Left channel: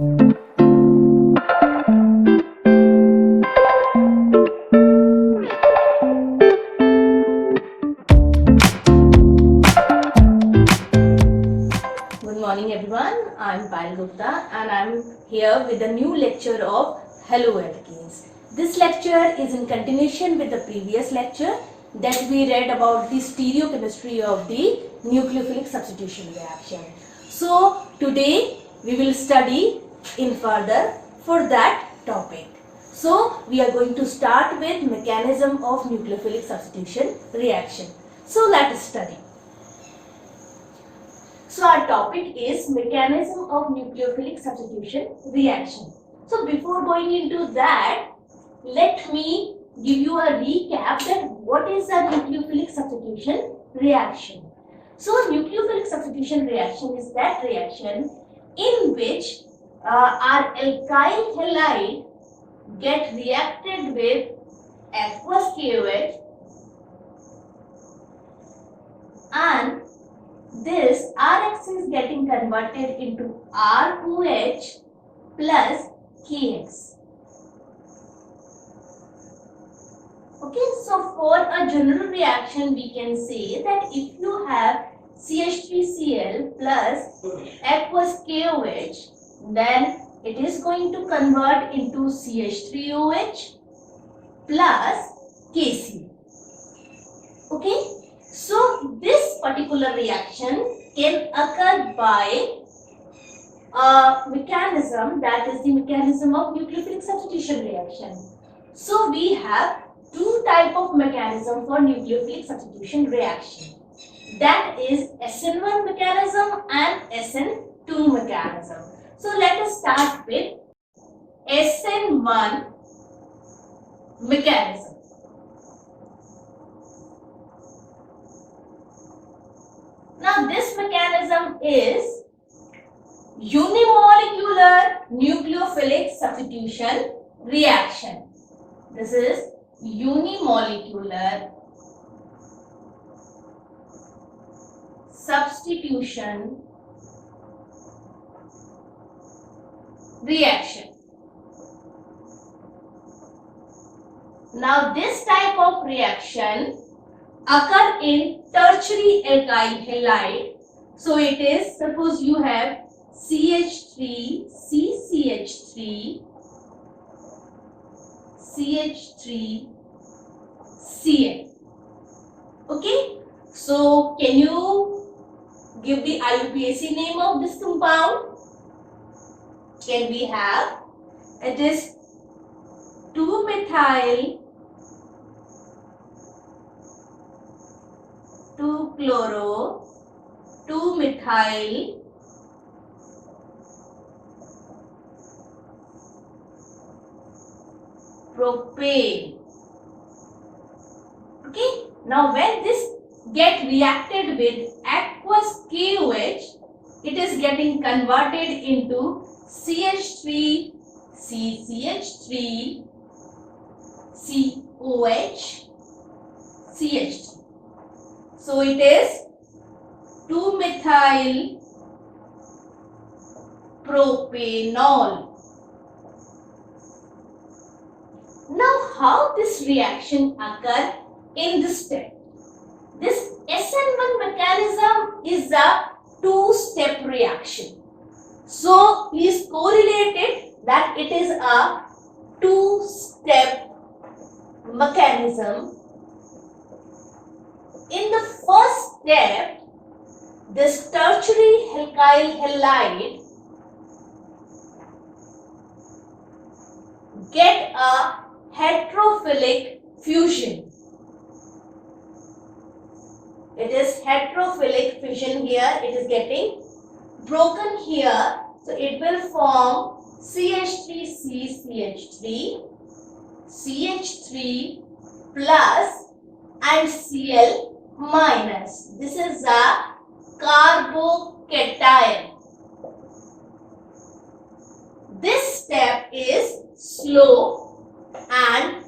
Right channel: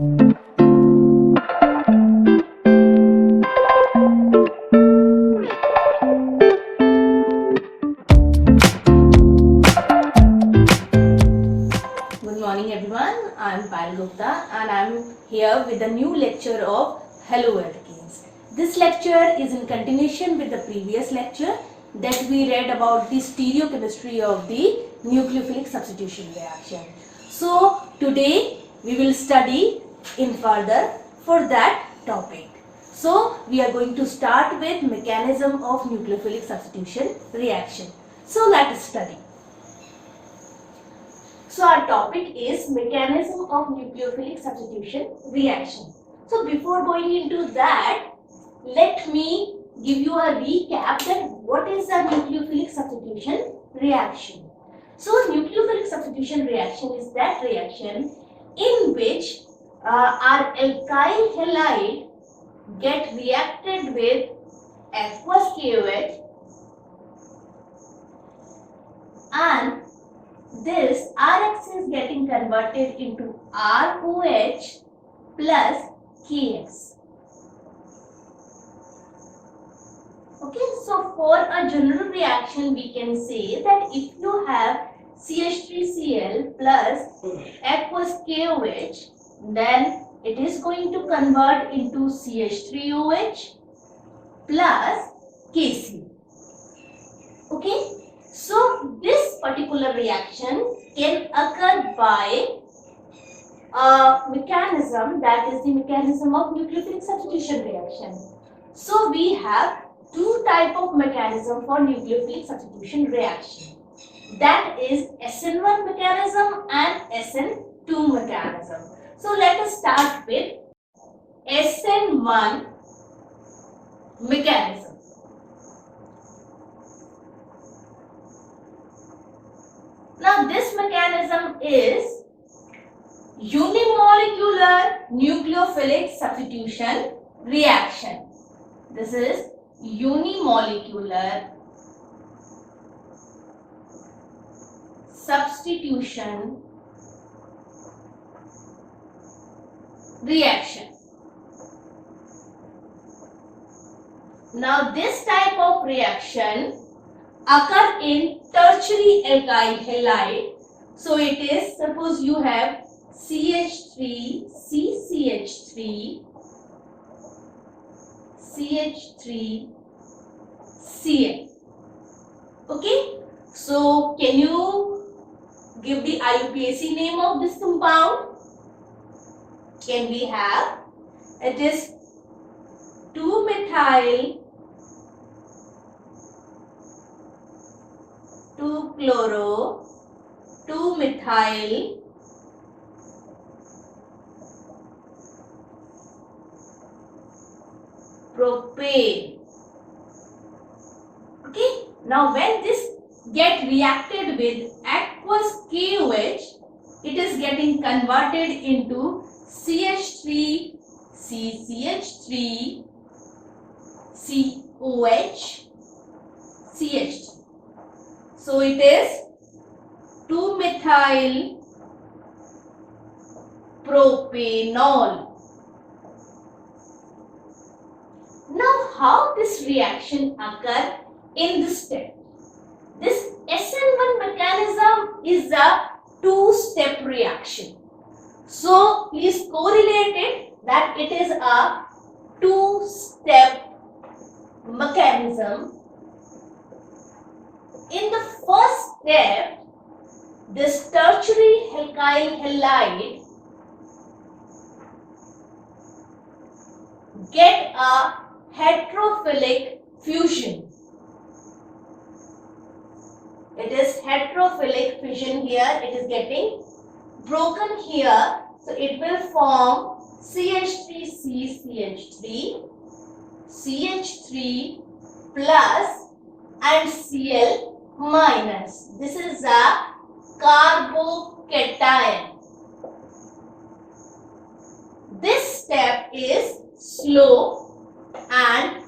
morning everyone, I am Payal Gupta and I am here with a new lecture of haloalkanes. This lecture is in continuation with the previous lecture that we read about the stereochemistry of the nucleophilic substitution reaction. So today we will study in further for that topic. So we are going to start with mechanism of nucleophilic substitution reaction. So let us study. So our topic is mechanism of nucleophilic substitution reaction. So before going into that, let me give you a recap that what is a nucleophilic substitution reaction. So nucleophilic substitution reaction is that reaction in which our alkyl halide get reacted with aqueous KOH and this Rx is getting converted into ROH plus Kx. Okay, so for a general reaction we can say that if you have CH3Cl plus aqueous KOH, then it is going to convert into CH3OH plus Kc. Okay. So this particular reaction can occur by a mechanism, that is the mechanism of nucleophilic substitution reaction. So we have two type of mechanism for nucleophilic substitution reaction. That is SN1 mechanism and SN2 mechanism. So let us start with SN1 mechanism. Now this mechanism is unimolecular nucleophilic substitution reaction. This is unimolecular substitution reaction. Now this type of reaction occur in tertiary alkyl halide. So it is, suppose you have CH3, CCH3, CH3, Cl. Okay. So can you give the IUPAC name of this compound? Can we have? It is 2-methyl 2-chloro 2-methyl propane. Okay. Now when this get reacted with aqueous KOH, it is getting converted into CH3, CCH3, COH, CH3. So it is 2-methyl propanol. Now how this reaction occur in this step? This SN1 mechanism is a two-step reaction. So please correlate it that it is a two-step mechanism. In the first step, this tertiary alkyl halide get a heterophilic fusion. It is heterophilic fission here. It is getting broken here. So it will form CH3C, CH3, CH3 plus and Cl minus. This is a carbocation. This step is slow and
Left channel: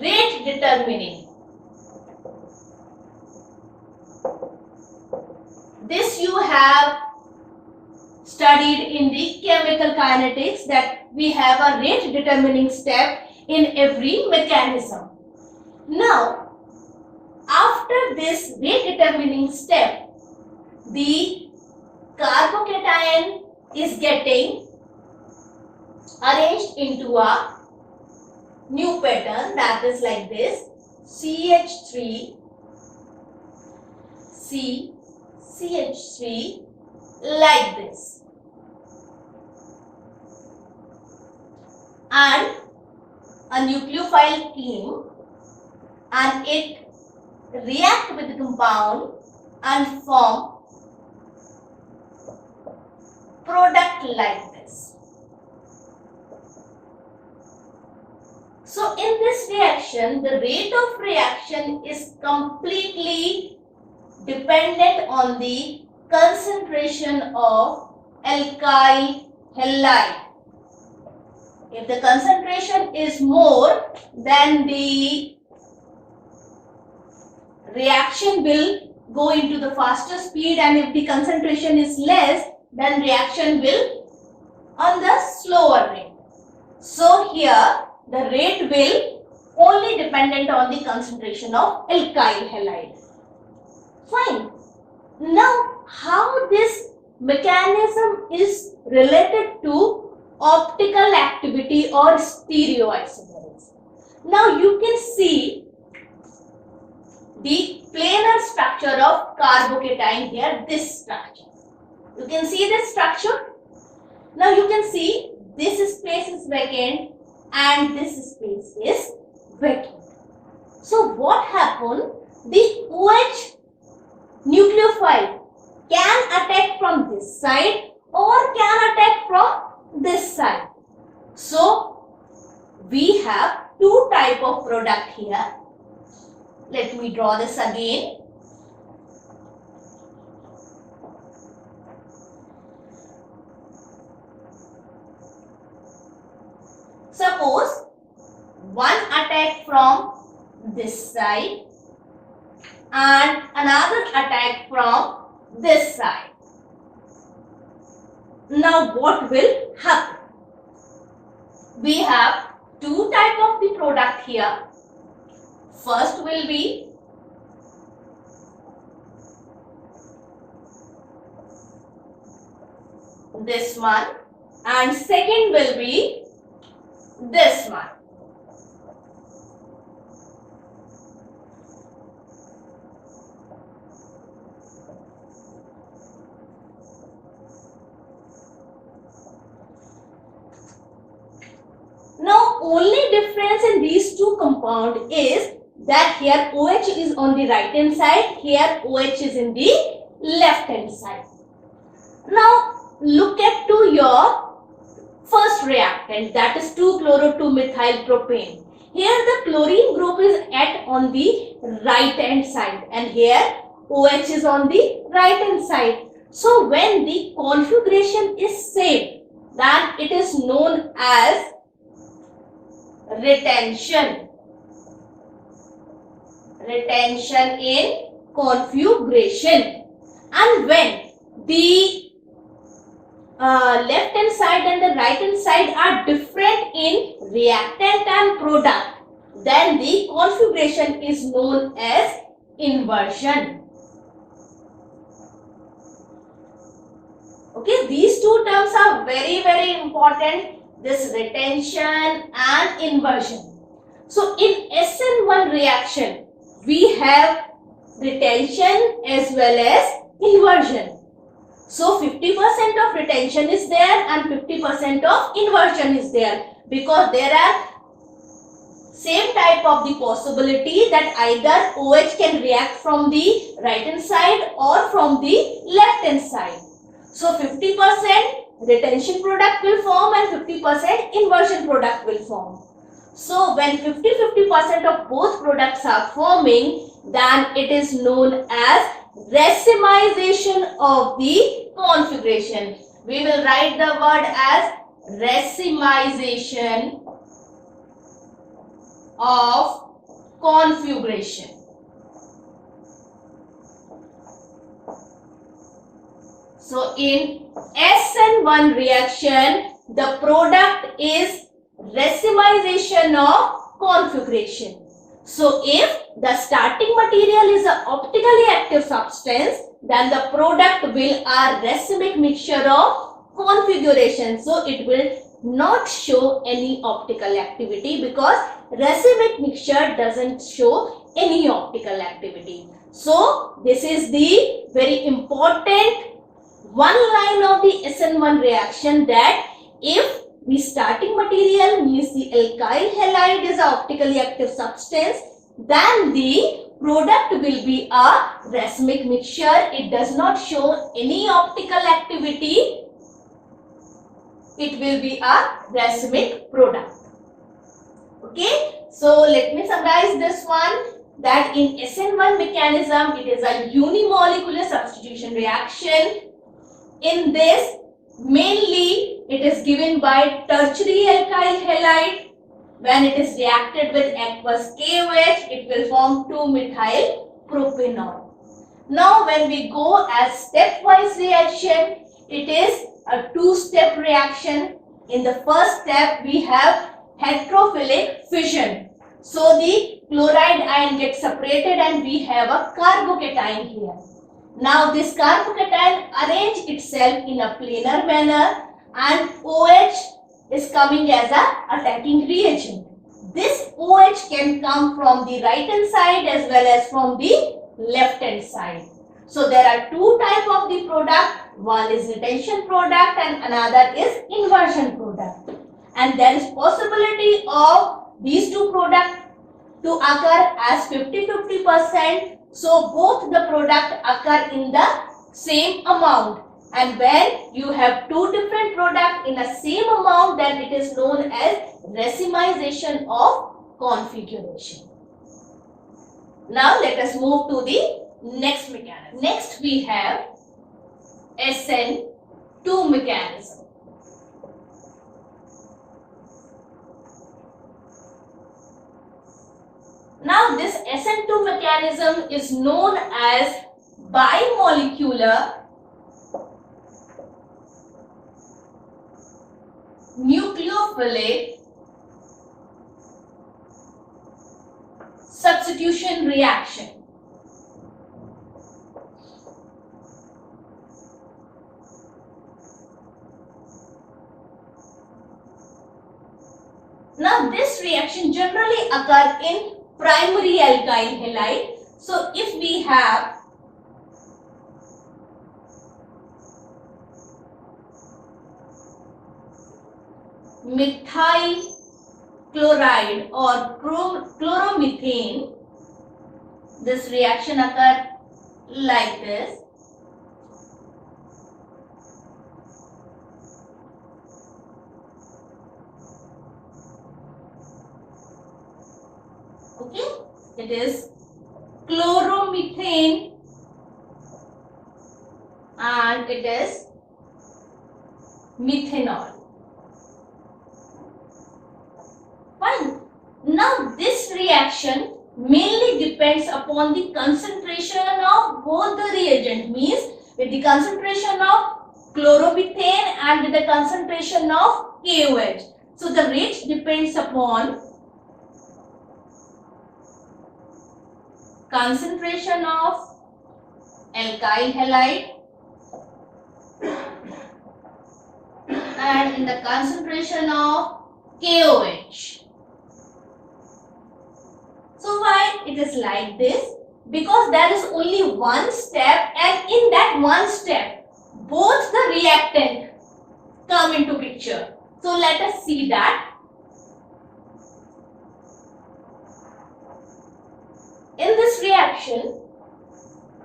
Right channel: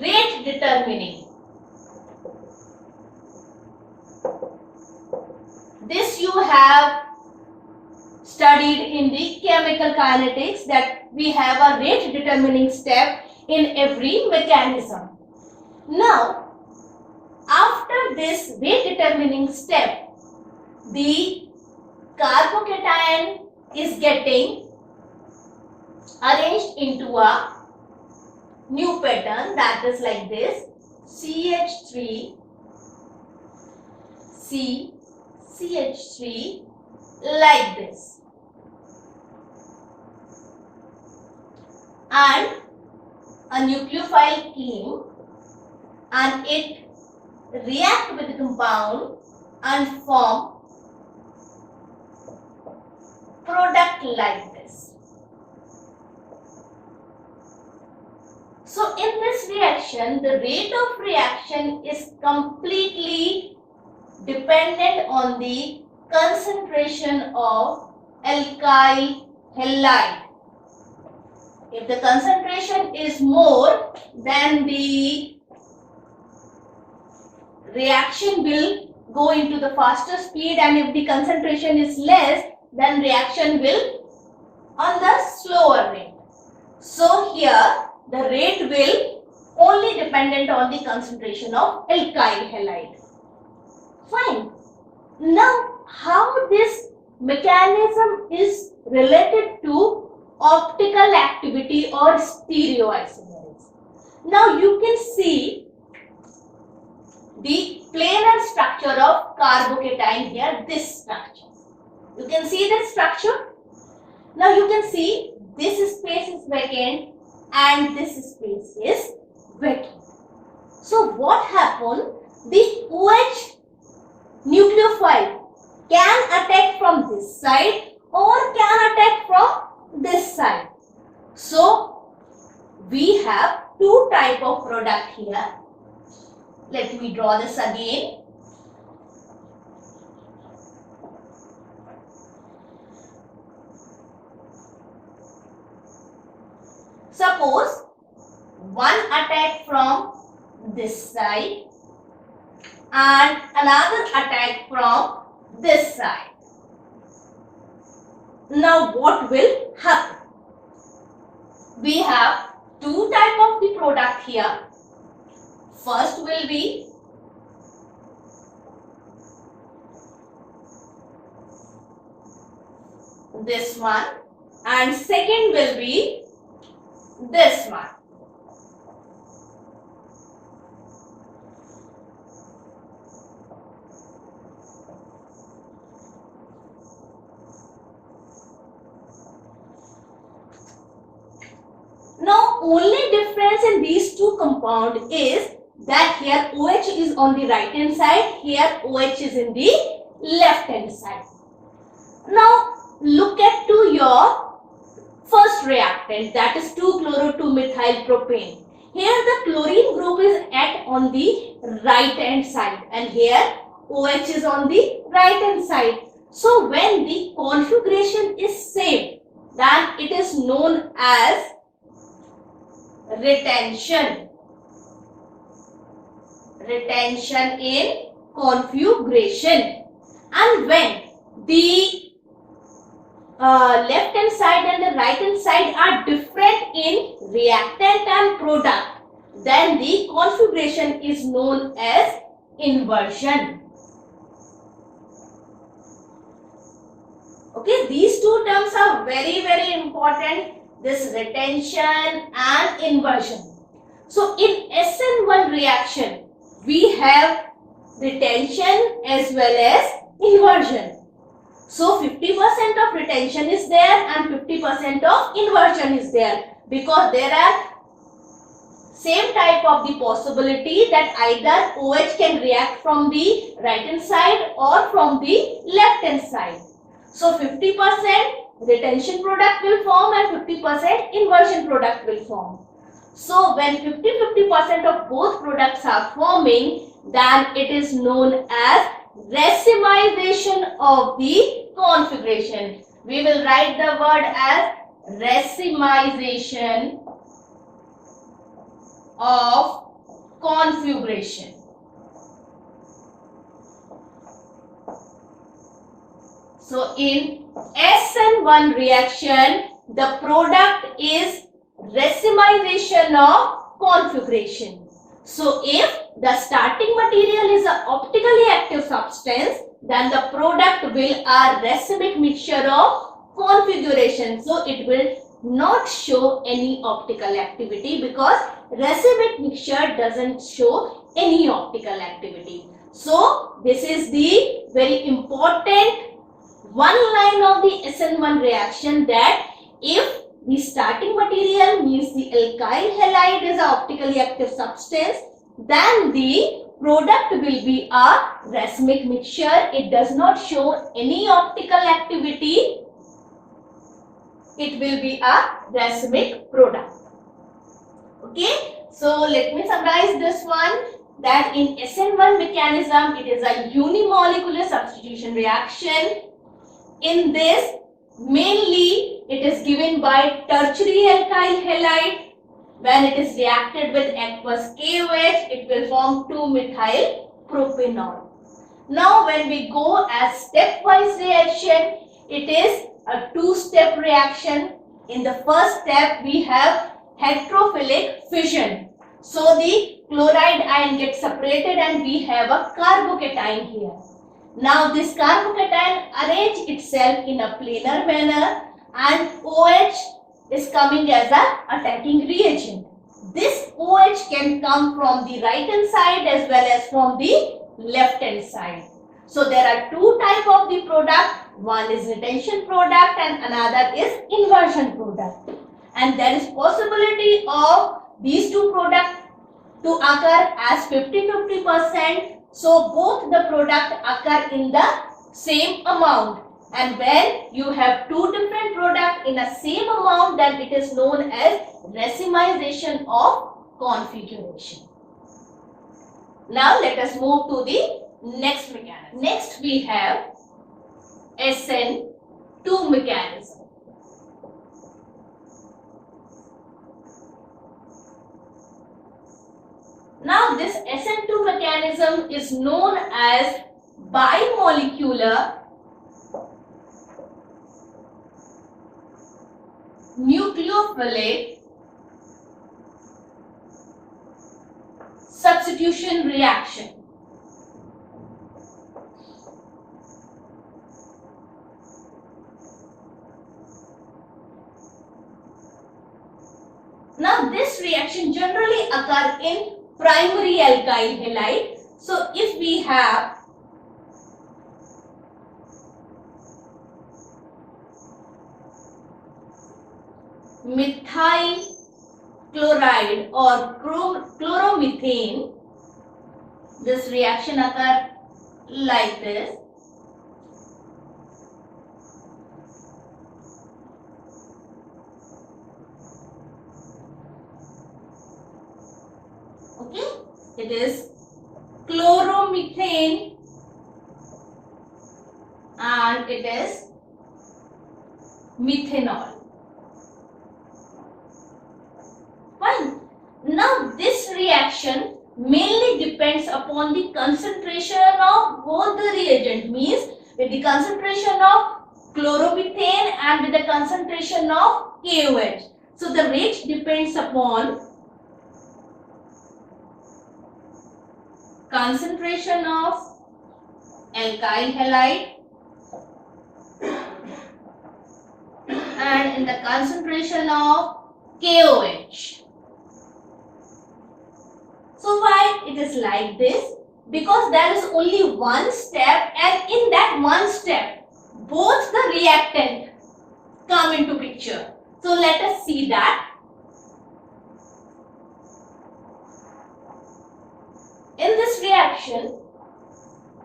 rate determining. This you have studied in the chemical kinetics that we have a rate determining step in every mechanism. Now, after this rate determining step, the carbocation is getting arranged into a new pattern that is like this: CH3, C, CH3, like this. And a nucleophile came and it react with the compound and form product like this. So in this reaction, the rate of reaction is completely dependent on the concentration of alkyl halide. If the concentration is more, then the reaction will go into the faster speed, and if the concentration is less, then reaction will on the slower rate. So here the rate will only dependent on the concentration of alkyl halide. Fine. Now, how this mechanism is related to optical activity or stereoisomers? Now you can see the planar structure of carbocation here, this structure. You can see this structure. Now you can see this space is vacant and this space is vacant. So what happened? The OH nucleophile can attack from this side or can attack from this side. So we have two type of product here. Let me draw this again. Suppose one attack from this side and another attack from this side. Now what will happen? We have two type of the product here. First will be this one and second will be this one. Now only difference in these two compounds is that here OH is on the right hand side, here OH is in the left hand side. Now look at to your first reactant, that is 2-chloro-2-methyl propane. Here the chlorine group is at on the right hand side and here OH is on the right hand side. So when the configuration is same, then it is known as retention. Retention in configuration. And when the left hand side and the right hand side are different in reactant and product, then the configuration is known as inversion. Okay, these two terms are very, very important, this retention and inversion. So in SN1 reaction, we have retention as well as inversion. So 50% of retention is there and 50% of inversion is there, because there are same type of the possibility that either OH can react from the right hand side or from the left hand side. So 50% retention product will form and 50% inversion product will form. So when 50% of both products are forming, then it is known as racemization of the configuration. We will write the word as racemization of configuration. So in SN1 reaction, the product is racemization of configuration. So if the starting material is an optically active substance, then the product will a racemic mixture of configuration. So it will not show any optical activity because racemic mixture doesn't show any optical activity. So this is the very important one line of the SN1 reaction, that if the starting material means the alkyl halide is an optically active substance, then the product will be a racemic mixture. It does not show any optical activity. It will be a racemic product. Okay, so let me summarize this one, that in SN1 mechanism, it is a unimolecular substitution reaction. In this, mainly it is given by tertiary alkyl halide. When it is reacted with aqueous KOH, it will form 2-methyl propanol. Now when we go as stepwise reaction, it is a two-step reaction. In the first step, we have heterophilic fission. So the chloride ion gets separated and we have a carbocation here. Now this carbocation arrange itself in a planar manner and OH is coming as a attacking reagent. This OH can come from the right hand side as well as from the left hand side. So there are two types of the product. One is retention product and another is inversion product. And there is possibility of these two products to occur as 50-50%. So both the product occur in the same amount. And when you have two different products in the same amount, then it is known as racemization of configuration. Now let us move to the next mechanism. Next we have SN2 mechanism. Now this SN2 mechanism is known as bimolecular nucleophilic substitution reaction. Now this reaction generally occurs in primary alkyl halide. So if we have methyl chloride or chloromethane, this reaction occurs like this. Okay, it is chloromethane and it is methanol. Fine. Now this reaction mainly depends upon the concentration of both the reagent, means with the concentration of chloromethane and with the concentration of KOH. So the rate depends upon concentration of alkyl halide and in the concentration of KOH. So why it is like this? Because there is only one step, and in that one step both the reactant come into picture. So let us see that. In this reaction,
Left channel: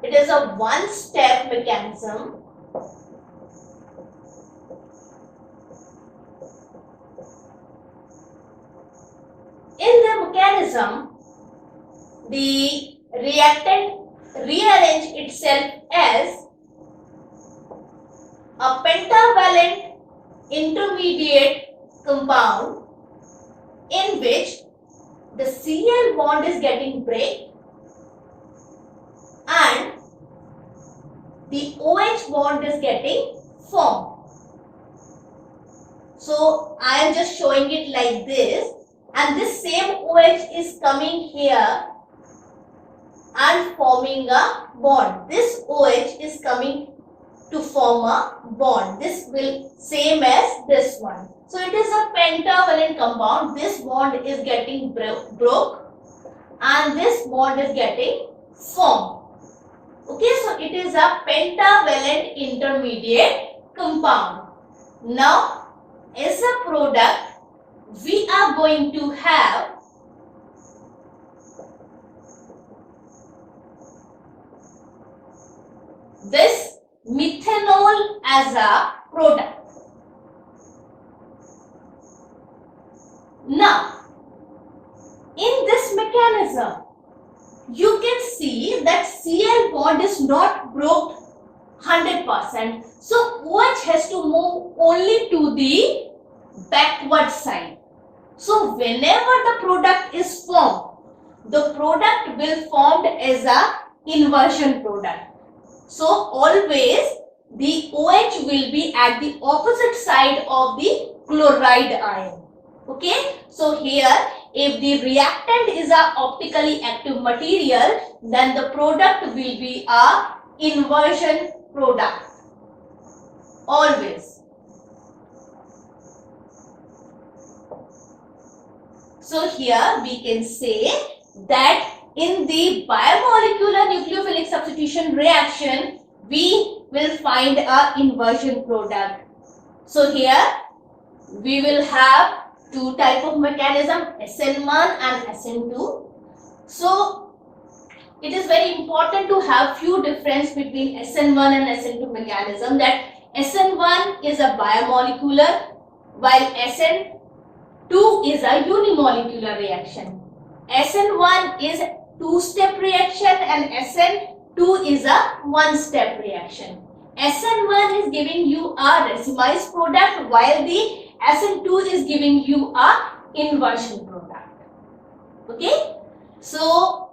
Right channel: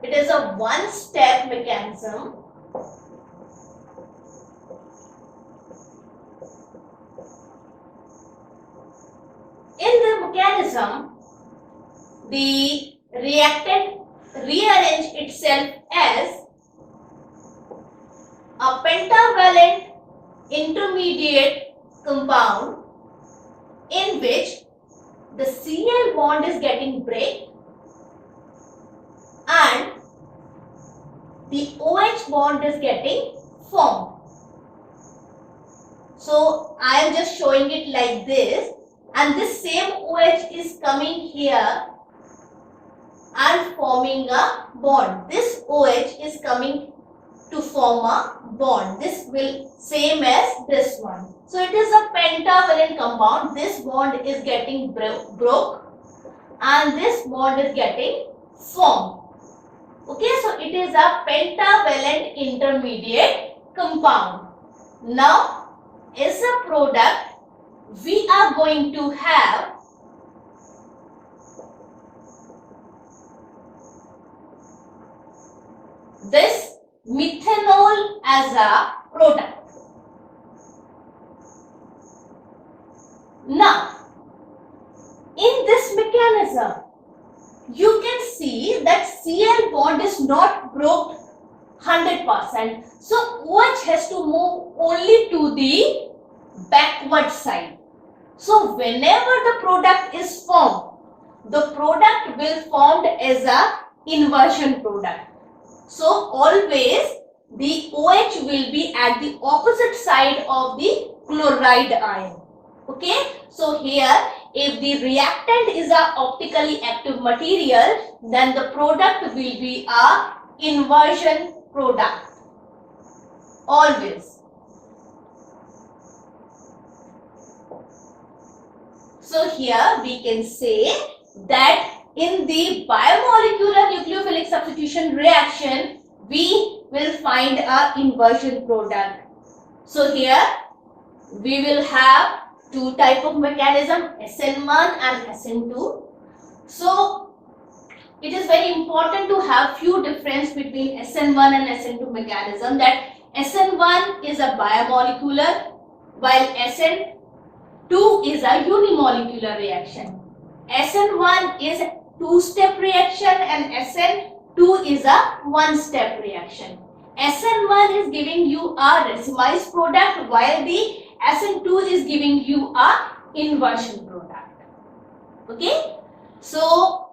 it is a one-step mechanism. In the mechanism, the reactant rearranges itself as a pentavalent intermediate compound in which the Cl bond is getting break and the OH bond is getting formed. So I am just showing it like this, and this same OH is coming here and forming a bond. This OH is coming to form a bond. This will same as this one. So it is a pentavalent compound. This bond is getting broke and this bond is getting formed. Okay, so it is a pentavalent intermediate compound. Now, as a product, we are going to have this methanol as a product. Now, in this mechanism, you can see that Cl bond is not broke 100%. So OH has to move only to the backward side. So whenever the product is formed, the product will formed as a inversion product. So always the OH will be at the opposite side of the chloride ion. Okay, so here if the reactant is a optically active material, then the product will be a inversion product. Always. So here we can say that in the biomolecular nucleophilic substitution reaction, we will find a inversion product. So here we will have two type of mechanism, SN1 and SN2. So it is very important to have few difference between SN1 and SN2 mechanism, that SN1 is a biomolecular while SN2 is a unimolecular reaction. SN1 is a two-step reaction and SN2 is a one-step reaction. SN1 is giving you a racemized product while the SN2 is giving you a inversion product. Okay, so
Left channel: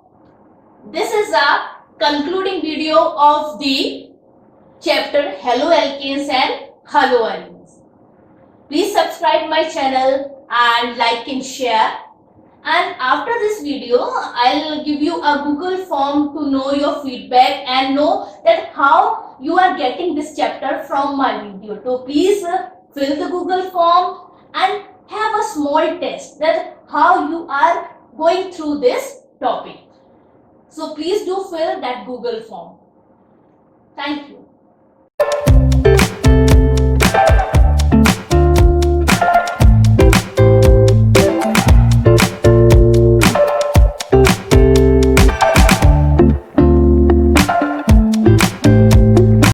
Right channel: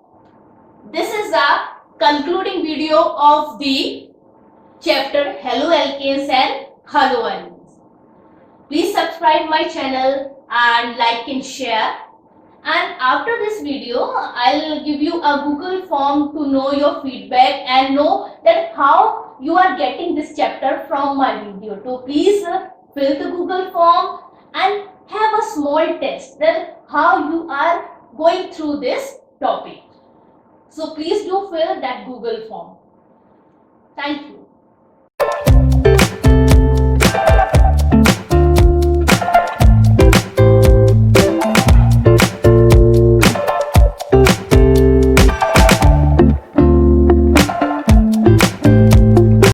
this is a concluding video of the chapter haloalkanes and haloarenes. Please subscribe my channel and like and share. And after this video, I'll give you a Google form to know your feedback and know that how you are getting this chapter from my video. So please fill the Google form and have a small test that how you are going through this topic. So please do fill that Google form. Thank you.